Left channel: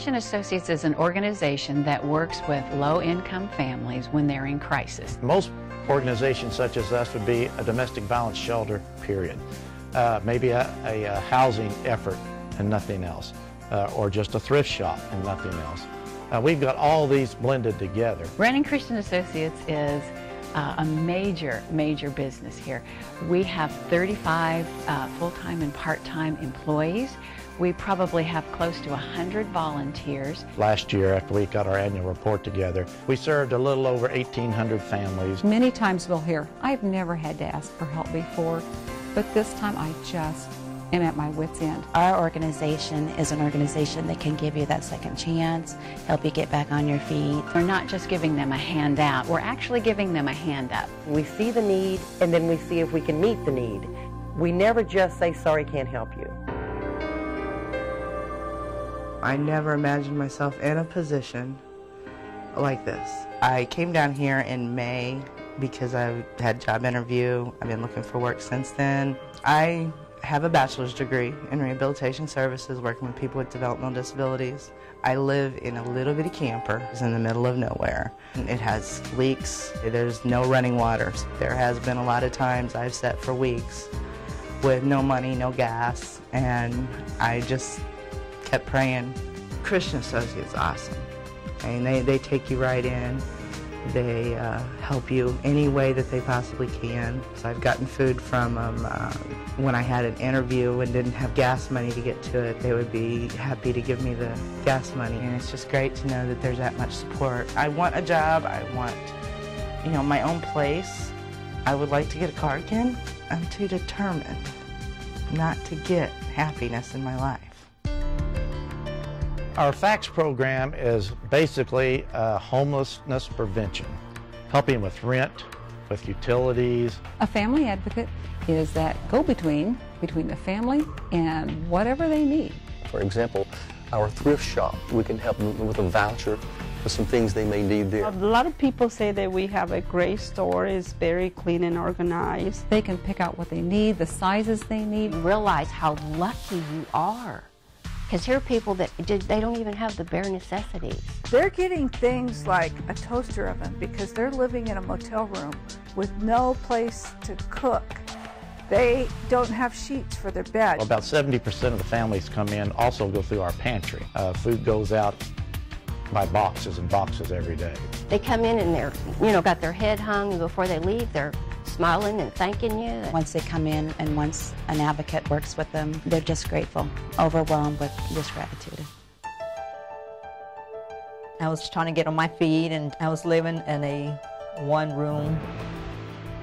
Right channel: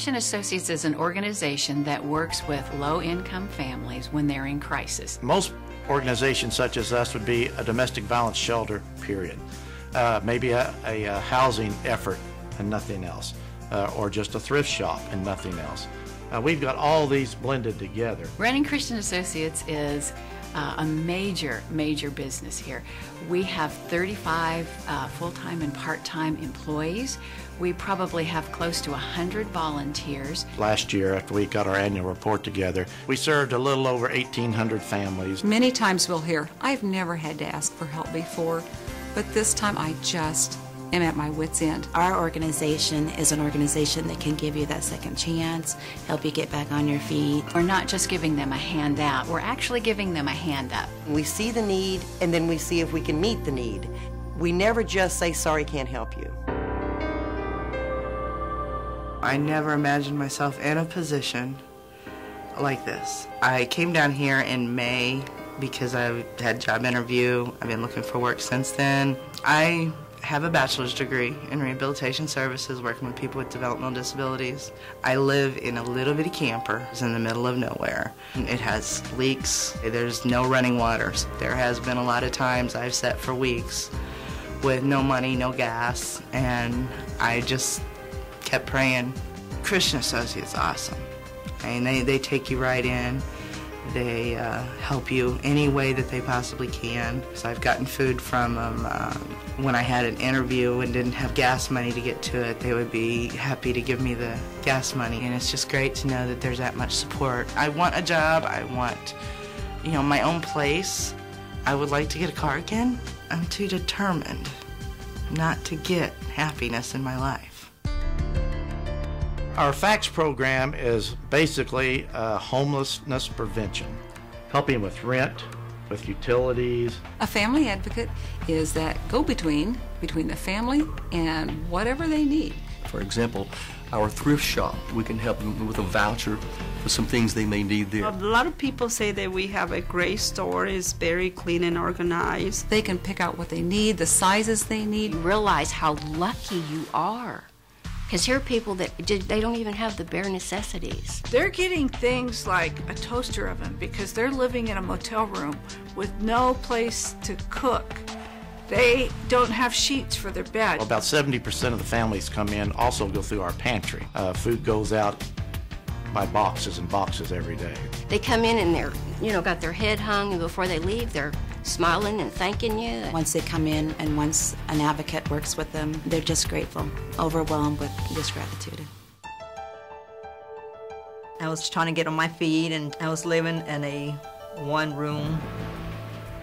Christian Associates is an organization that works with low-income families when they're in crisis. Most organizations such as us would be a domestic violence shelter, period. Maybe a housing effort and nothing else, or just a thrift shop and nothing else. We've got all these blended together. Brennan Christian Associates is a major business here. We have 35 full-time and part-time employees. We probably have close to 100 volunteers. Last year, after we got our annual report together, we served a little over 1,800 families. Many times we'll hear, I've never had to ask for help before, but this time I just am at my wit's end. Our organization is an organization that can give you that second chance, help you get back on your feet. We're not just giving them a handout, we're actually giving them a hand up. We see the need, and then we see if we can meet the need. We never just say, sorry, can't help you. I never imagined myself in a position like this. I came down here in May because I had a job interview. I've been looking for work since then. I have a bachelor's degree in rehabilitation services, working with people with developmental disabilities. I live in a little bitty camper. It's in the middle of nowhere. It has leaks. There's no running water. There has been a lot of times I've sat for weeks with no money, no gas, and I just kept praying. Christian Associates, awesome. I mean, they take you right in. They help you any way that they possibly can. So I've gotten food from them. When I had an interview and didn't have gas money to get to it, they would be happy to give me the gas money. And it's just great to know that there's that much support. I want a job. I want, my own place. I would like to get a car again. I'm too determined not to get happiness in my life. Our FACTS program is basically homelessness prevention, helping with rent, with utilities. A family advocate is that go-between between the family and whatever they need. For example, our thrift shop, we can help them with a voucher for some things they may need there. A lot of people say that we have a great store. It's very clean and organized. They can pick out what they need, the sizes they need. Realize how lucky you are. Because here are people that they don't even have the bare necessities. They're getting things like a toaster oven because they're living in a motel room with no place to cook. They don't have sheets for their bed. About 70% of the families come in also go through our pantry. Food goes out by boxes and boxes every day. They come in and they're, got their head hung before they leave. They're smiling and thanking you. Once they come in and once an advocate works with them, they're just grateful, overwhelmed with just gratitude. I was trying to get on my feet, and I was living in a one-room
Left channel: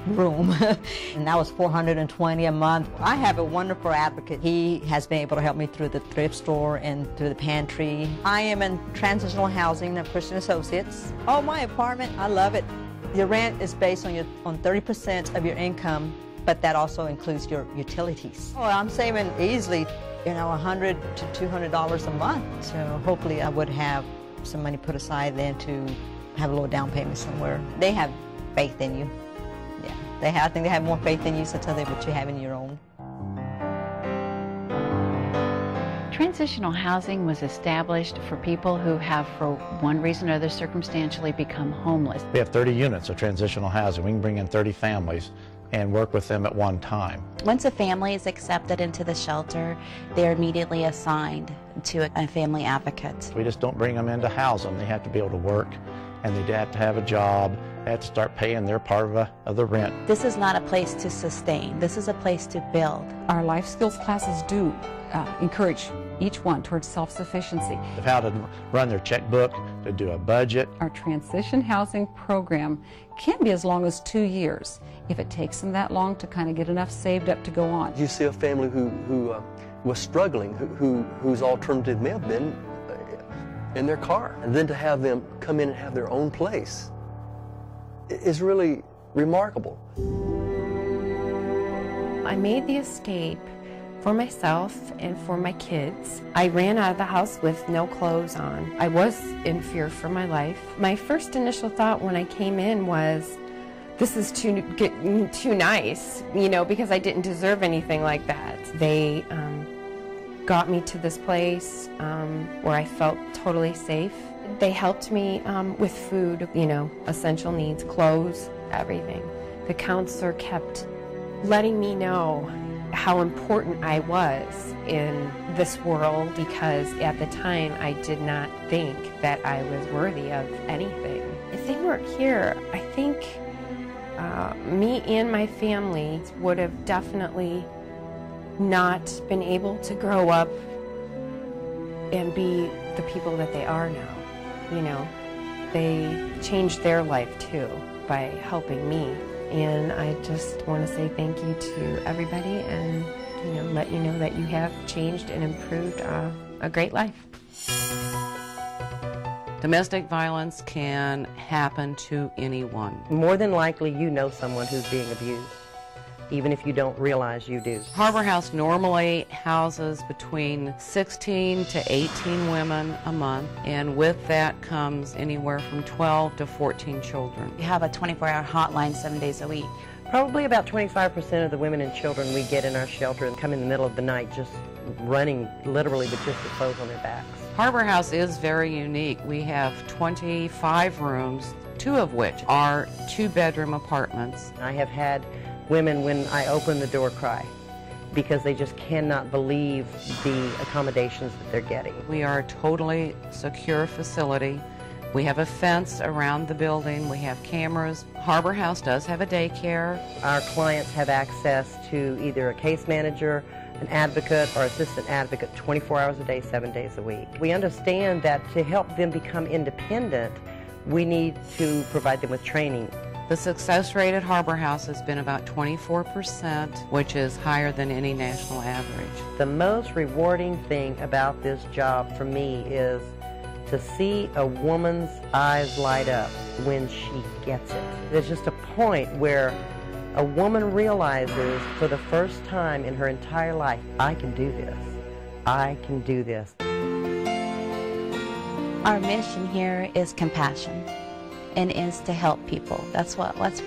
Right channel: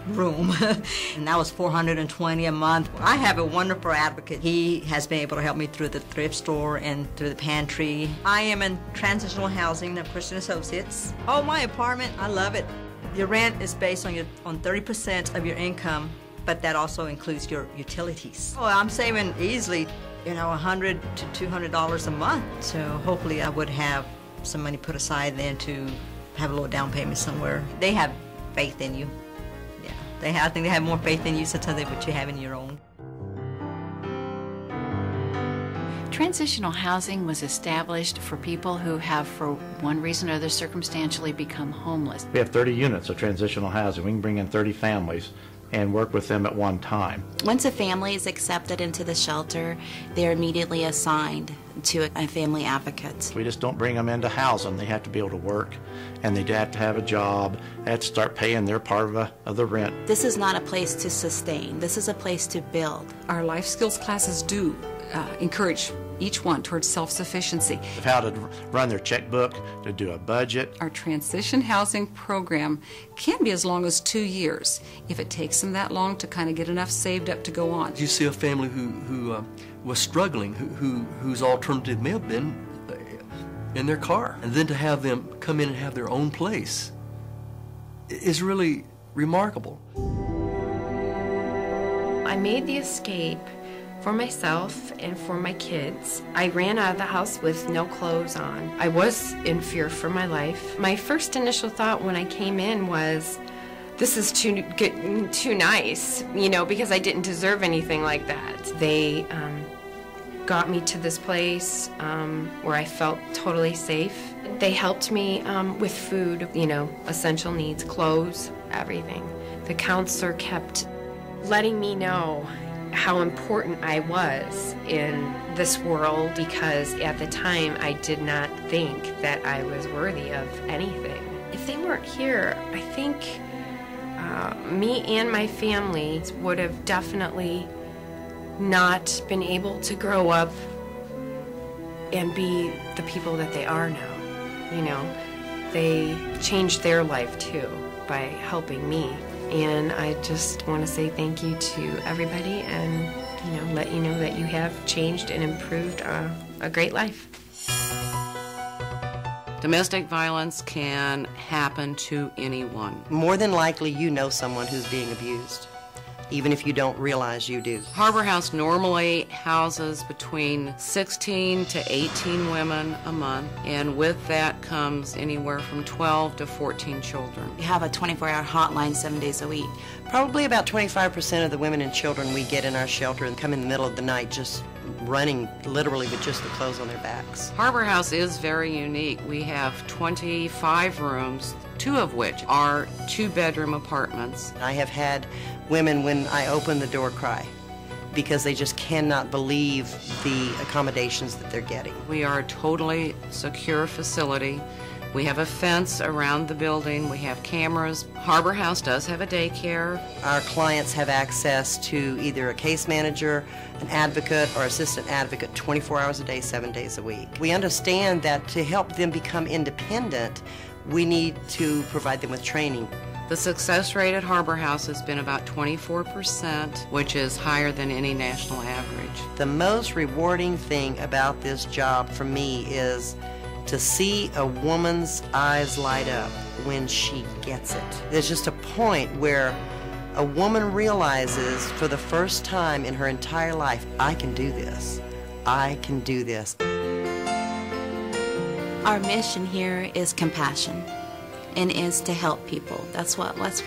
and that was $420 a month. I have a wonderful advocate. He has been able to help me through the thrift store and through the pantry. I am in transitional housing at Christian Associates. Oh, my apartment, I love it. Your rent is based on 30% of your income, but that also includes your utilities. Oh, I'm saving easily, $100 to $200 a month. So hopefully I would have some money put aside then to have a little down payment somewhere. They have faith in you. I think they have more faith in you sometimes than what you have in your own. Transitional housing was established for people who have, for one reason or other, circumstantially become homeless. We have 30 units of transitional housing. We can bring in 30 families and work with them at one time. Once a family is accepted into the shelter, they're immediately assigned to a family advocate. We just don't bring them in to house them. They have to be able to work, and they have to have a job, and have to start paying their part of the rent. This is not a place to sustain. This is a place to build. Our life skills classes do encourage each one towards self-sufficiency. How to run their checkbook, to do a budget. Our transition housing program can be as long as 2 years if it takes them that long to kind of get enough saved up to go on. You see a family who was struggling, whose alternative may have been in their car, and then to have them come in and have their own place is really remarkable. I made the escape for myself and for my kids. I ran out of the house with no clothes on. I was in fear for my life. My first initial thought when I came in was, this is too nice, because I didn't deserve anything like that. They got me to this place where I felt totally safe. They helped me with food, you know, essential needs, clothes, everything. The counselor kept letting me know how important I was in this world, because at the time I did not think that I was worthy of anything. If they weren't here, I think me and my family would have definitely not been able to grow up and be the people that they are now. You know, they changed their life too by helping me. And I just want to say thank you to everybody and, you know, let you know that you have changed and improved a great life. Domestic violence can happen to anyone. More than likely, you know someone who's being abused, even if you don't realize you do. Harbor House normally houses between 16 to 18 women a month, and with that comes anywhere from 12 to 14 children. We have a 24-hour hotline 7 days a week. Probably about 25% of the women and children we get in our shelter come in the middle of the night just running literally with just the clothes on their backs. Harbor House is very unique. We have 25 rooms, 2 of which are 2-bedroom apartments. I have had women, when I open the door, cry because they just cannot believe the accommodations that they're getting. We are a totally secure facility. We have a fence around the building. We have cameras. Harbor House does have a daycare. Our clients have access to either a case manager, an advocate, or assistant advocate 24 hours a day, 7 days a week. We understand that to help them become independent, we need to provide them with training. The success rate at Harbor House has been about 24%, which is higher than any national average. The most rewarding thing about this job for me is to see a woman's eyes light up when she gets it. There's just a point where a woman realizes for the first time in her entire life, I can do this. I can do this. Our mission here is compassion and is to help people. That's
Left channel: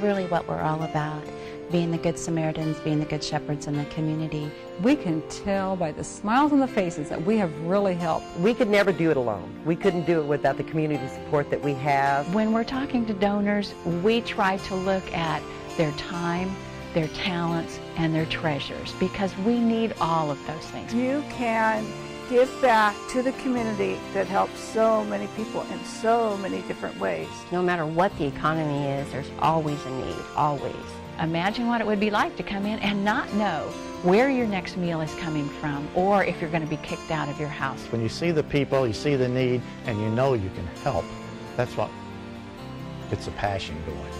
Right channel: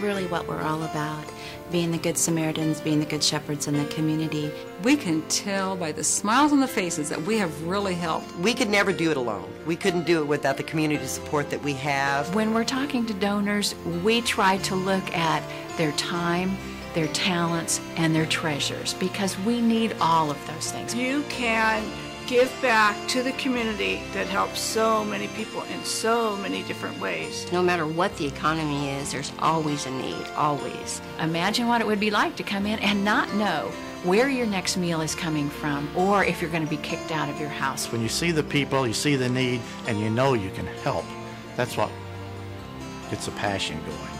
really what we're all about. Being the good Samaritans, being the good shepherds in the community. We can tell by the smiles on the faces that we have really helped. We could never do it alone. We couldn't do it without the community support that we have. When we're talking to donors, we try to look at their time, their talents, and their treasures, because we need all of those things. You can give back to the community that helps so many people in so many different ways. No matter what the economy is, there's always a need, always. Imagine what it would be like to come in and not know where your next meal is coming from, or if you're going to be kicked out of your house. When you see the people, you see the need, and you know you can help, that's what, it's a passion going on.